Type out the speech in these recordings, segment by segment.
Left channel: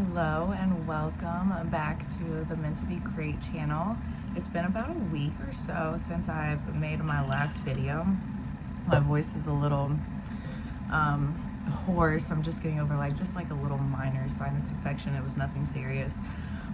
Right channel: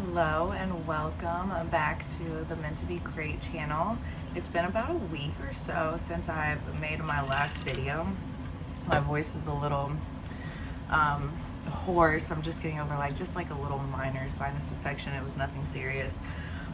Hello and welcome back to the Meant to Be Great channel. It's been about a week or so since I've made my last video. My voice is a little hoarse. I'm just getting over just like a little minor sinus infection. It was nothing serious.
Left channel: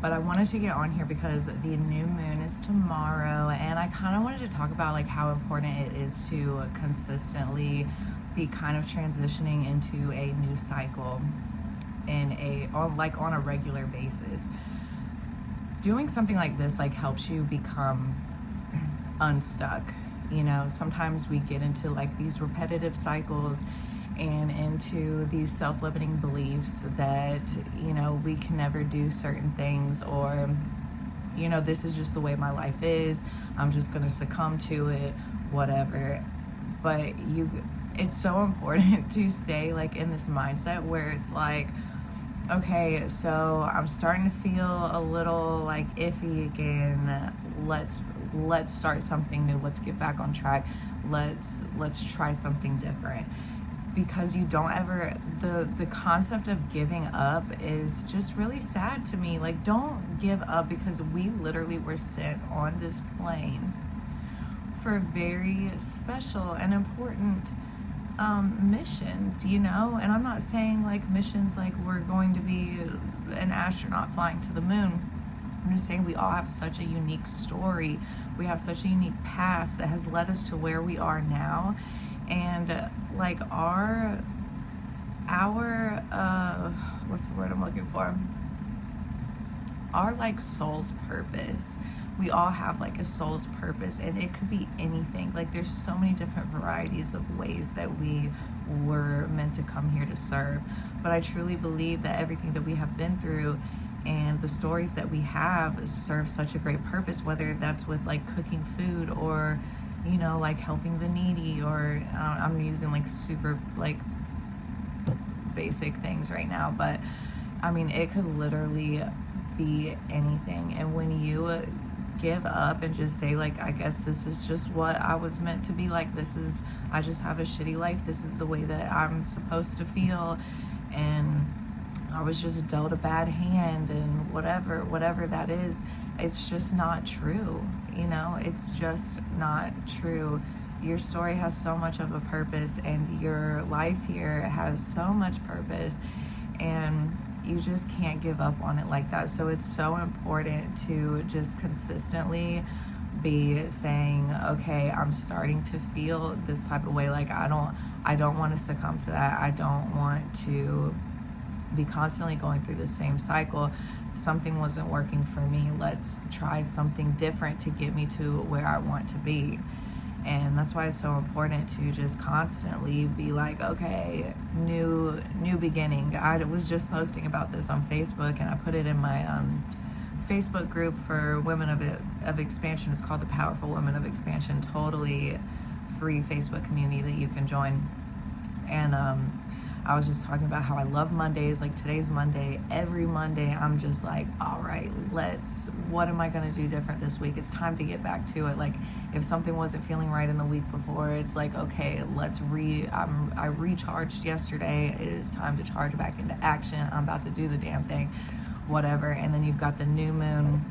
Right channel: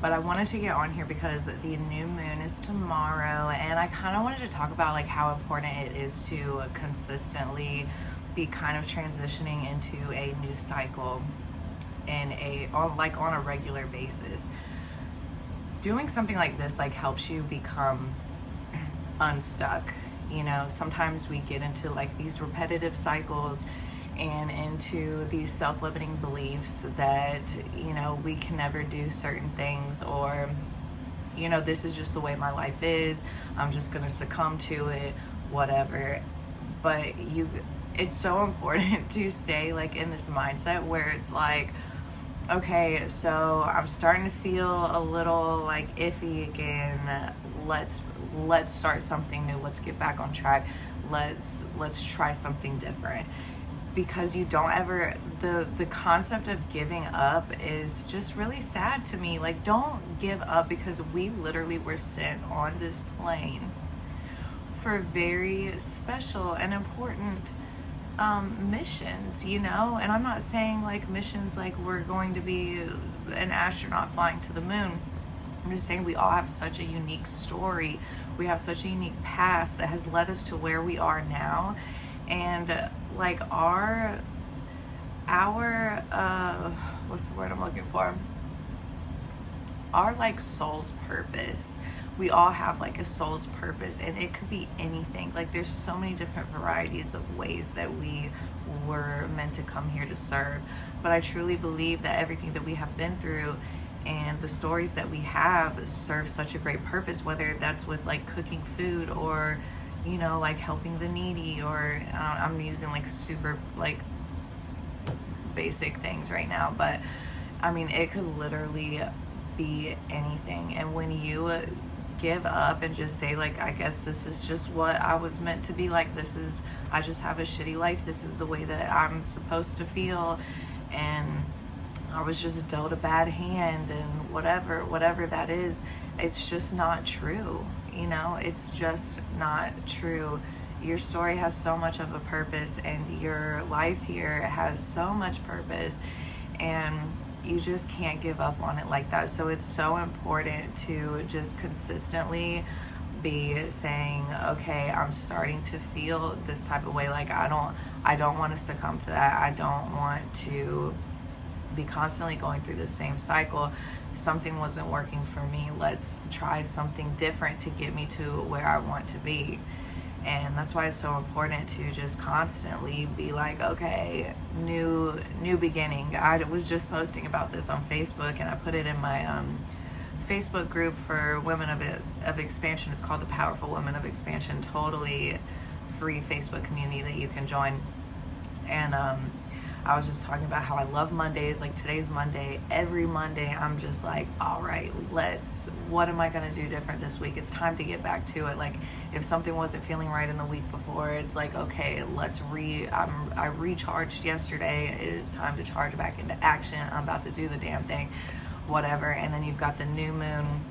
But I wanted to get on here because the new moon is tomorrow, and I kind of wanted to talk about like how important it is to consistently be kind of transitioning into a new cycle on a regular basis. Doing something like this like helps you become unstuck. You know, sometimes we get into like these repetitive cycles and into these self-limiting beliefs that, you know, we can never do certain things, or, you know, this is just the way my life is, I'm just gonna succumb to it, whatever. But it's so important to stay like in this mindset where it's like, okay, so I'm starting to feel a little like iffy again. Let's start something new. Let's get back on track. Let's try something different. Because you don't ever, the concept of giving up is just really sad to me. Like, don't give up, because we literally were sent on this plane for very special and important missions, you know. And I'm not saying like missions like we're going to be an astronaut flying to the moon. I'm just saying we all have such a unique story. We have such a unique past that has led us to where we are now. And like our what's the word I'm looking for? Our like soul's purpose. We all have like a soul's purpose, and it could be anything. Like, there's so many different varieties of ways that we were meant to come here to serve. But I truly believe that everything that we have been through and the stories that we have serve such a great purpose, whether that's with like cooking food, or, you know, like helping the needy, or I'm using like super like basic things right now, but I mean, it could literally be anything. And when you give up and just say like, I guess this is just what I was meant to be, like, I just have a shitty life, this is the way that I'm supposed to feel, and I was just dealt a bad hand, and whatever that is, it's just not true. You know, it's just not true. Your story has so much of a purpose, and your life here has so much purpose, and you just can't give up on it like that. So it's so important to just consistently be saying, okay, I'm starting to feel this type of way. Like, I don't want to succumb to that. I don't want to be constantly going through the same cycle. Something wasn't working for me. Let's try something different to get me to where I want to be. And that's why it's so important to just constantly be like, okay, new beginning. I was just posting about this on Facebook, and I put it in my Facebook group for Women of Expansion. It's called the Powerful Women of Expansion, totally free Facebook community that you can join. And I was just talking about how I love Mondays. Like, today's Monday. Every Monday I'm just like, all right, what am I going to do different this week? It's time to get back to it. Like, if something wasn't feeling right in the week before, it's like, okay, I recharged yesterday. It is time to charge back into action. I'm about to do the damn thing, whatever. And then you've got the new moon,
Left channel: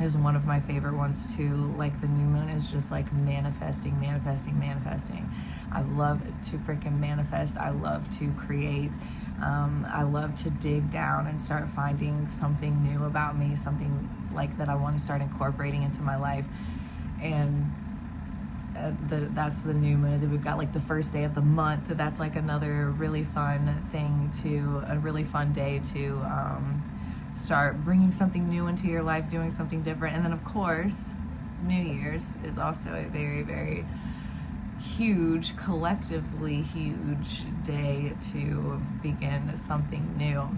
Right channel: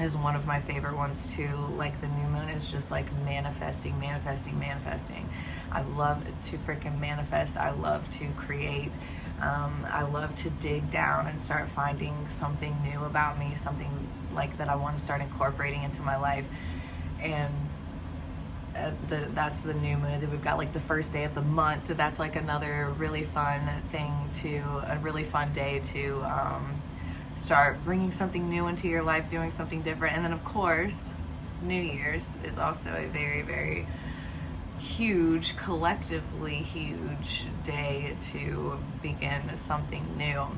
is one of my favorite ones too. Like, the new moon is just like manifesting. I love to freaking manifest. I love to create. I love to dig down and start finding something new about me, something like that I want to start incorporating into my life. And that's the new moon. Then we've got like the first day of the month. That's like another really fun thing a really fun day to start bringing something new into your life, doing something different. And then, of course, New Year's is also a very, very huge, collectively huge day to begin something new.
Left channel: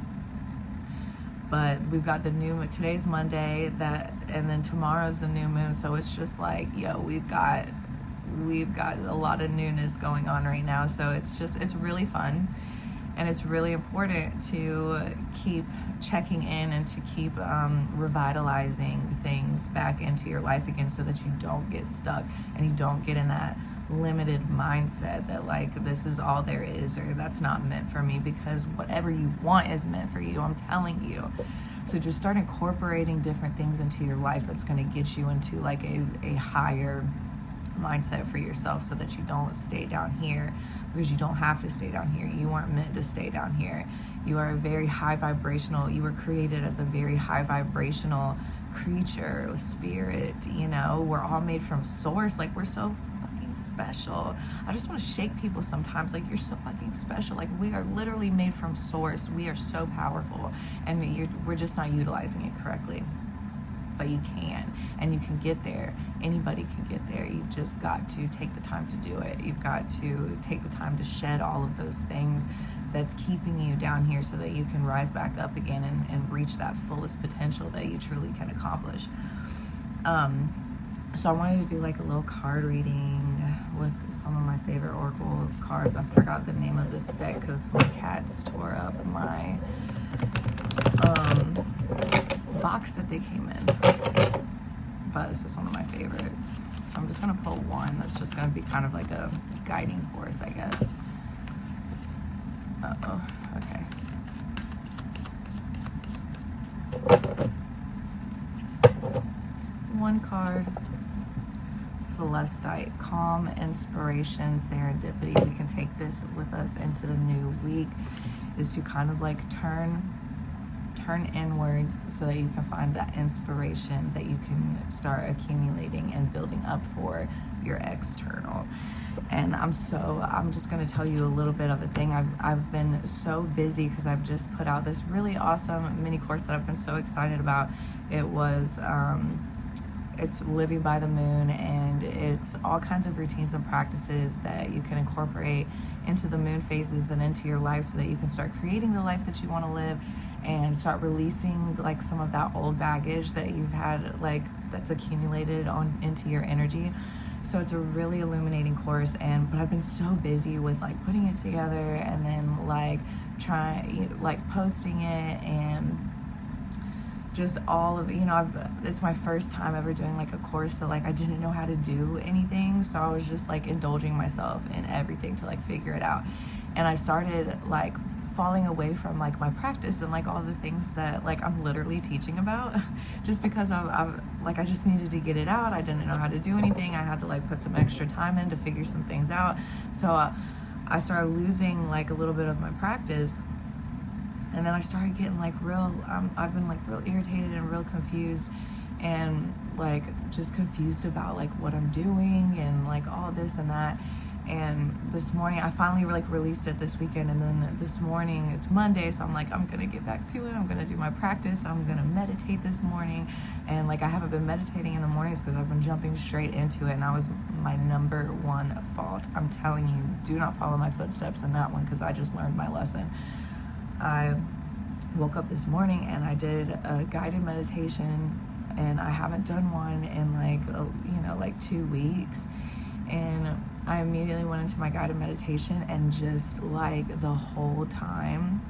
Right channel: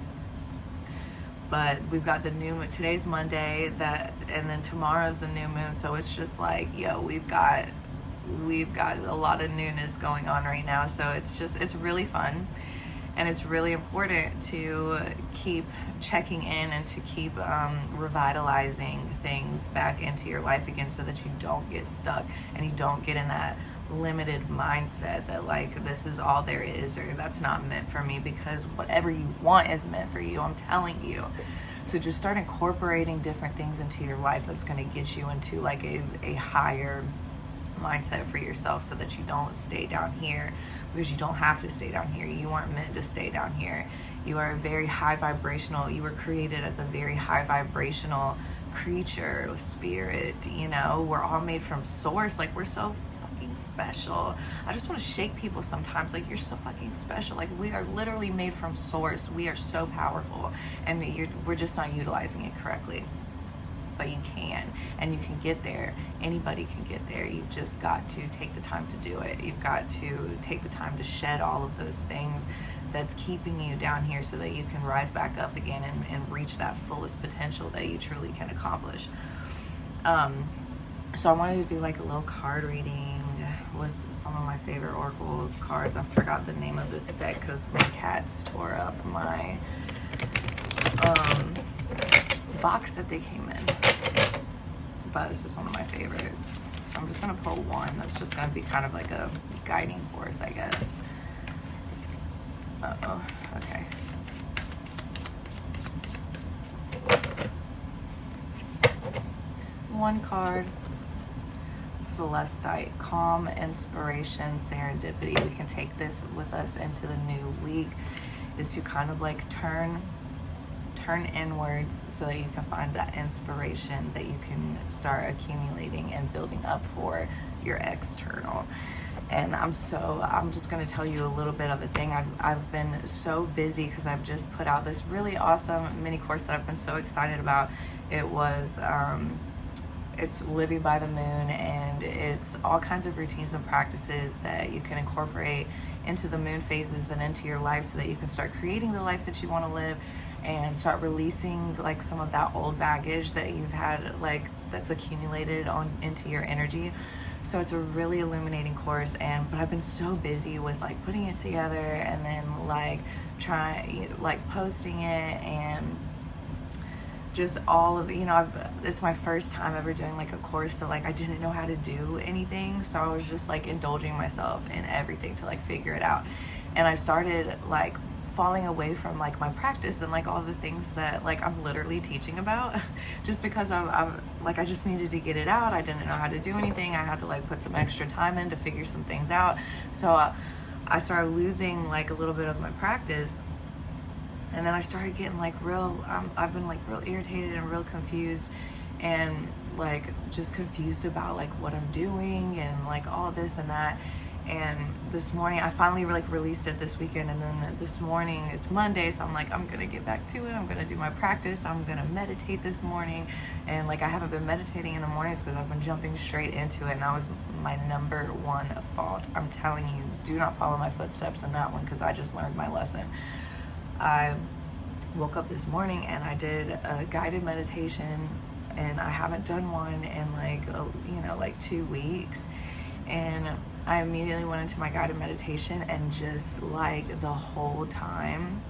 But we've got today's Monday, and then tomorrow's the new moon. So it's just like, yo, we've got a lot of newness going on right now. So it's really fun. And it's really important to keep checking in and to keep revitalizing things back into your life again, so that you don't get stuck and you don't get in that limited mindset that like this is all there is, or that's not meant for me, because whatever you want is meant for you, I'm telling you. So just start incorporating different things into your life that's going to get you into like a higher mindset for yourself, so that you don't stay down here, because you don't have to stay down here. You weren't meant to stay down here. You are a very high vibrational, you were created as a very high vibrational creature, spirit, you know. We're all made from source. Like, we're so fucking special. I just want to shake people sometimes, like, you're so fucking special. Like, we are literally made from source. We are so powerful, and we're just not utilizing it correctly. But you can, and you can get there. Anybody can get there. You've just got to take the time to do it. You've got to take the time to shed all of those things that's keeping you down here, so that you can rise back up again and reach that fullest potential that you truly can accomplish. So I wanted to do like a little card reading with some of my favorite Oracle cards. I forgot the name of this deck because my cats tore up my box that they came in. But this is one of my favorites. So I'm just going to pull one that's just going to be kind of like a guiding force, I guess. Uh-oh. Okay. One card. Celestite. Calm, inspiration, serendipity. We can take this with us into the new week, is to kind of like turn inwards, so that you can find that inspiration that you can start accumulating and building up for your external. And I'm just going to tell you a little bit of a thing. I've been so busy because I've just put out this really awesome mini course that I've been so excited about. It was it's Living by the Moon, and it's all kinds of routines and practices that you can incorporate into the moon phases and into your life, so that you can start creating the life that you want to live, and start releasing like some of that old baggage that you've had, like that's accumulated on into your energy. So it's a really illuminating course, but I've been so busy with like putting it together, and then like posting it, and just all of, it's my first time ever doing like a course, so like I didn't know how to do anything, so I was just like indulging myself in everything to like figure it out. And I started like falling away from like my practice and like all the things that like I'm literally teaching about just because I just needed to get it out. I didn't know how to do anything. I had to like put some extra time in to figure some things out. So I started losing like a little bit of my practice. And then I started getting like I've been like real irritated and real confused, and like just confused about like what I'm doing and like all this and that. And this morning I finally like released it this weekend, and then this morning it's Monday, so I'm like, I'm gonna get back to it. I'm gonna do my practice. I'm gonna meditate this morning. And like I haven't been meditating in the mornings because I've been jumping straight into it, and that was my number one fault. I'm telling you, do not follow my footsteps in that one, because I just learned my lesson. I woke up this morning and I did a guided meditation, and I haven't done one in like 2 weeks. And I immediately went into my guided meditation, and just like the whole time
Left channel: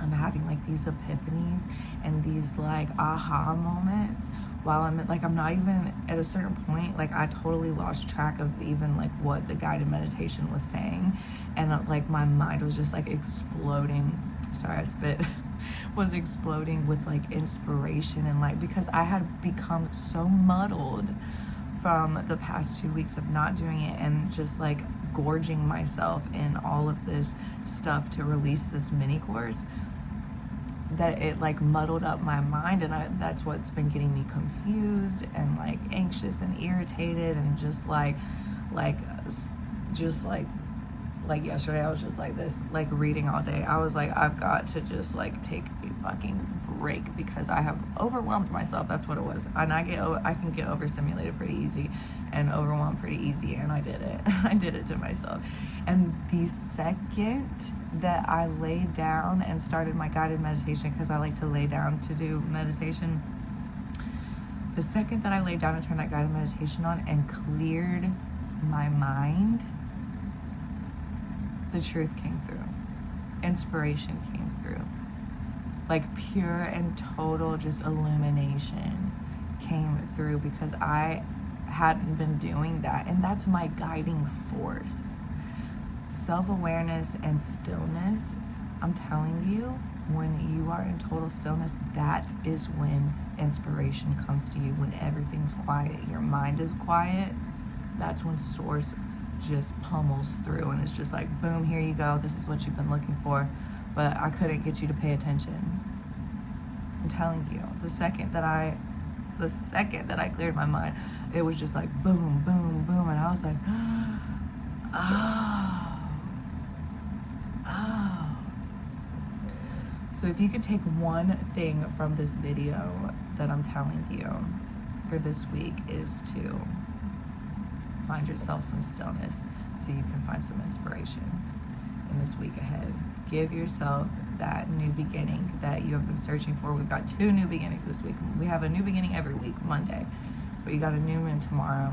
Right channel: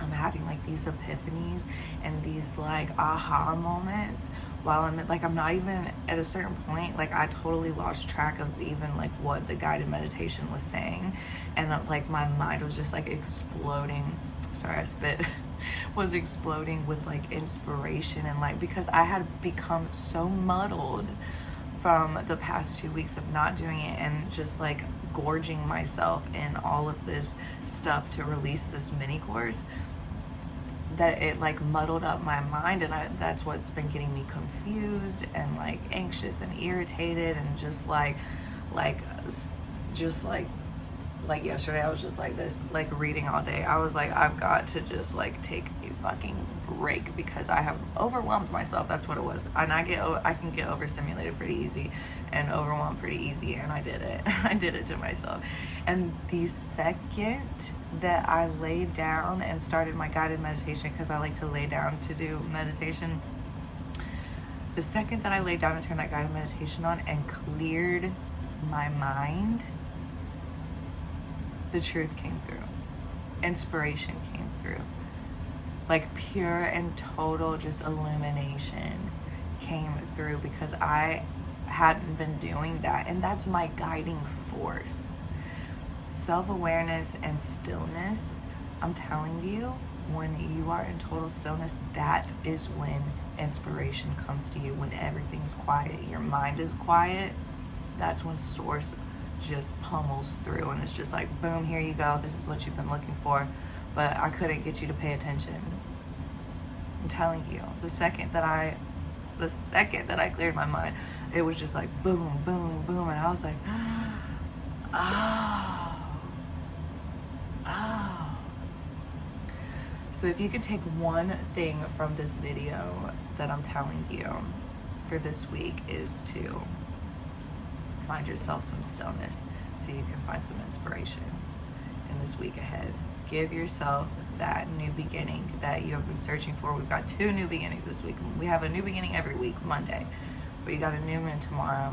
I'm having like these epiphanies and these like aha moments, while I'm not even at a certain point, like I totally lost track of even like what the guided meditation was saying. And like my mind was just like exploding. Sorry, I spit. Was exploding with like inspiration, and like because I had become so muddled from the past 2 weeks of not doing it, and just like gorging myself in all of this stuff to release this mini course, that it like muddled up my mind. And that's what's been getting me confused and like anxious and irritated, and just like yesterday I was just like this, like reading all day. I was like, I've got to just like take a fucking break, because I have overwhelmed myself. That's what it was. And I can get overstimulated pretty easy and overwhelmed pretty easy, and I did it. I did it to myself. And the second that I laid down and started my guided meditation, because I like to lay down to do meditation, the second that I laid down and turned that guided meditation on and cleared my mind, the truth came through. Inspiration came through. Like pure and total just illumination came through, because I hadn't been doing that. And that's my guiding force. Self-awareness and stillness, I'm telling you, when you are in total stillness, that is when inspiration comes to you. When everything's quiet, your mind is quiet, that's when source just pummels through, and it's just like, boom, here you go, this is what you've been looking for, but I couldn't get you to pay attention. I'm telling you, the second that I cleared my mind, it was just like boom, boom, boom, and I was like, oh, oh. So if you could take one thing from this video that I'm telling you for this week, is to find yourself some stillness so you can find some inspiration in this week ahead. Give yourself that new beginning that you have been searching for. We've got 2 new beginnings this week. We have a new beginning every week, Monday, but you got a new moon tomorrow,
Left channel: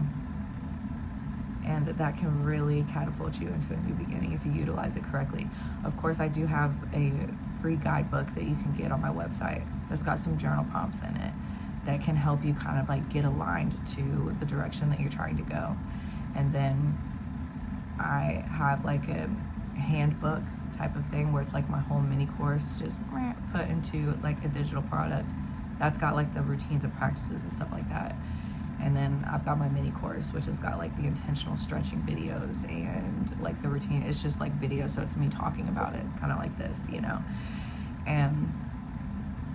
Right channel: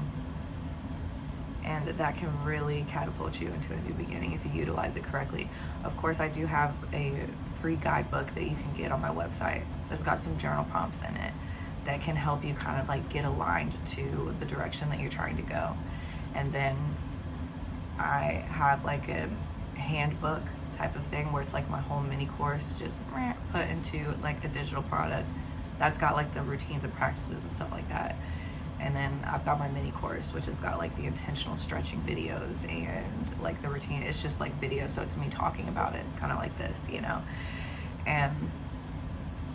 and that can really catapult you into a new beginning if you utilize it correctly. Of course, I do have a free guidebook that you can get on my website that's got some journal prompts in it that can help you kind of like get aligned to the direction that you're trying to go. And then I have like a handbook type of thing where it's like my whole mini course just put into like a digital product that's got like the routines and practices and stuff like that. And then I've got my mini course, which has got like the intentional stretching videos and like the routine. It's just like video, so it's me talking about it, kind of like this, you know. And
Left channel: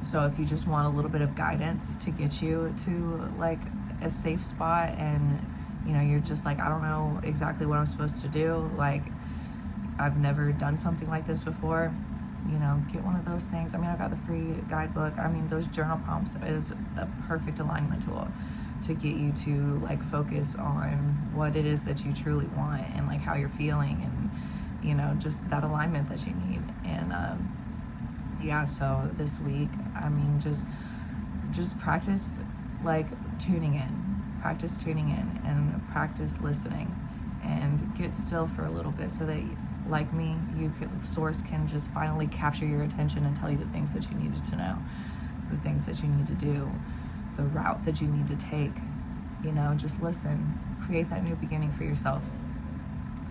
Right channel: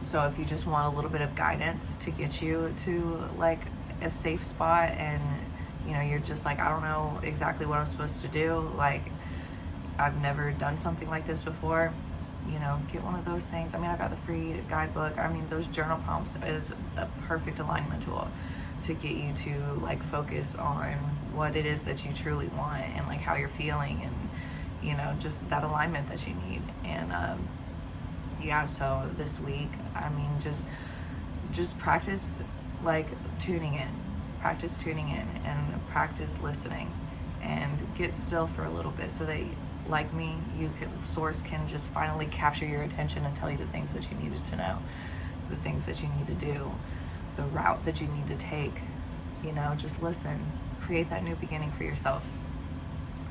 so if you just want a little bit of guidance to get you to like a safe spot, and you know, you're just like, I don't know exactly what I'm supposed to do, like I've never done something like this before, you know, get one of those things. I mean, I've got the free guidebook. I mean, those journal prompts is a perfect alignment tool to get you to like focus on what it is that you truly want, and like how you're feeling, and you know, just that alignment that you need. And yeah, so this week, I mean, just practice like tuning in, and practice listening, and get still for a little bit, so that like me, source can just finally capture your attention and tell you the things that you needed to know, the things that you need to do, the route that you need to take. You know, just listen, create that new beginning for yourself.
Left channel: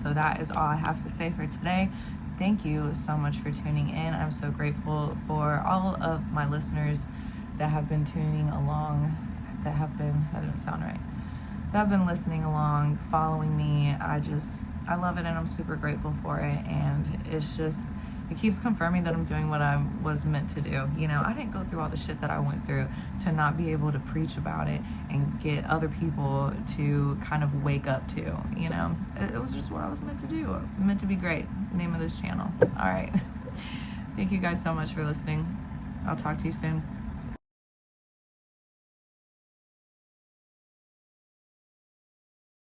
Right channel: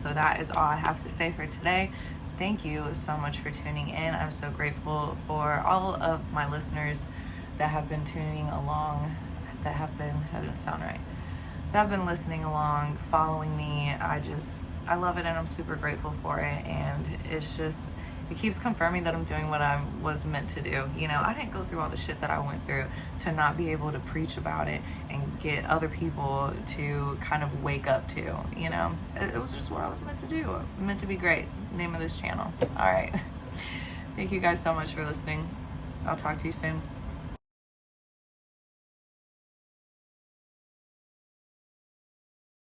So that is all I have to say for today. Thank you so much for tuning in. I'm so grateful for all of my listeners that have been tuning along, that didn't sound right, that have been listening along, following me. I love it, and I'm super grateful for it. And it keeps confirming that I'm doing what I was meant to do. You know, I didn't go through all the shit that I went through to not be able to preach about it and get other people to kind of wake up to, you know. It was just what I was meant to do. Meant to be great. Name of this channel. All right. Thank you guys so much for listening. I'll talk to you soon.